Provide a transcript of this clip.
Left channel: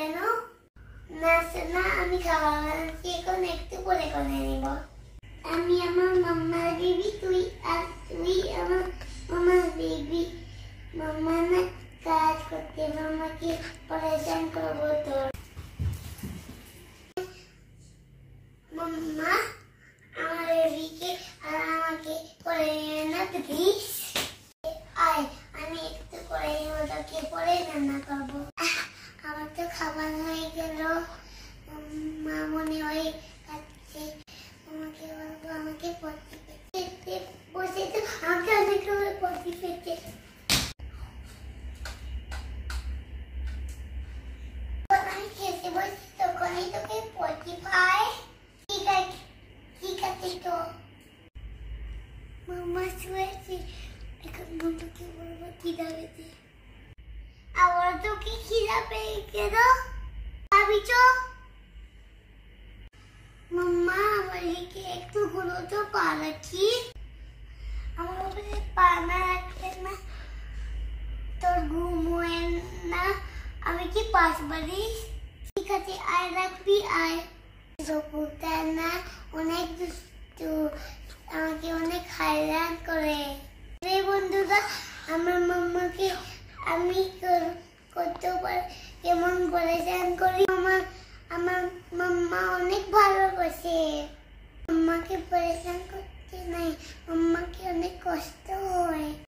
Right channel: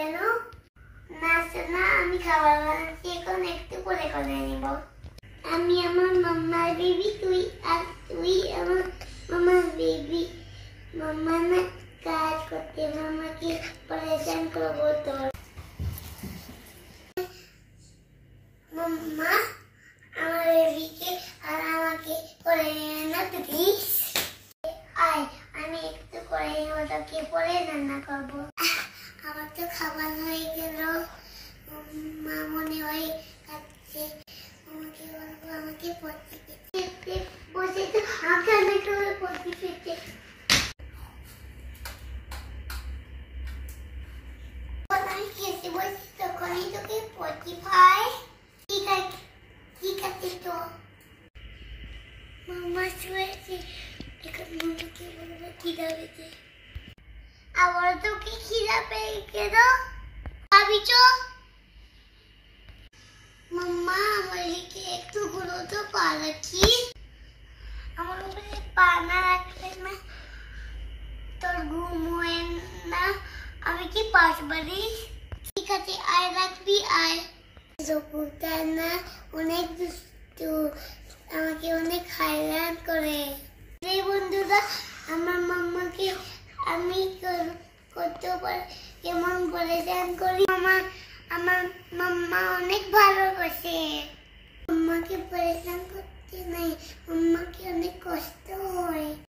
কেন? না সোনা, আমি খাবার বানাচ্ছি, এখন একটু পরে করে নিব। আমি আমার মাম্মার বেবি, তুই আমার মামার বেবি। মাম্মা না কাজ করতে, মামাকে পরেশান করবো তোর। মাম্মা আমার বেবিকে আর আমাকে করে না প্লিজ। আয়, আমি একটু করে ওটাকে পরে রান্না করবো। আমার তো খাবার হয়ে গেল। মা মনে হয় কাছে আমাকে বলবো, আমাকে পড়তে পেতে বসে তো আমাকে অনেক করে পড়তে পেতে। আমি খেতে বসি তখনই তোকে পড়তে পাই। ঠিক আছে তো। মামা শুয়েছে, এখন মামাকে বলবো খিদা পেয়েছে। আবার তোকে খিদা পেয়ে গেল, খাবি তো? মাম্মা আমার লিখে একটু গুলো তো পা রাখি। আমার উপরে পা না রাখলে না তোর ঘুম হয় না। আমি কি পাশ বাড়ি? ঠিক আছে, আয় রাখবি, আয়। না অনেক দুষ্টু, আমাকে অনেক হায়রান করে। বন্ধুরা, আমার মাম্মাকে আমি কতবার কেমন পরেশান করি। আমার মাম্মা অনেক ভালোবাসে। মাম্মাকে পরেশান করতে নাই, মাম্মাকে অনেক কষ্ট হয়।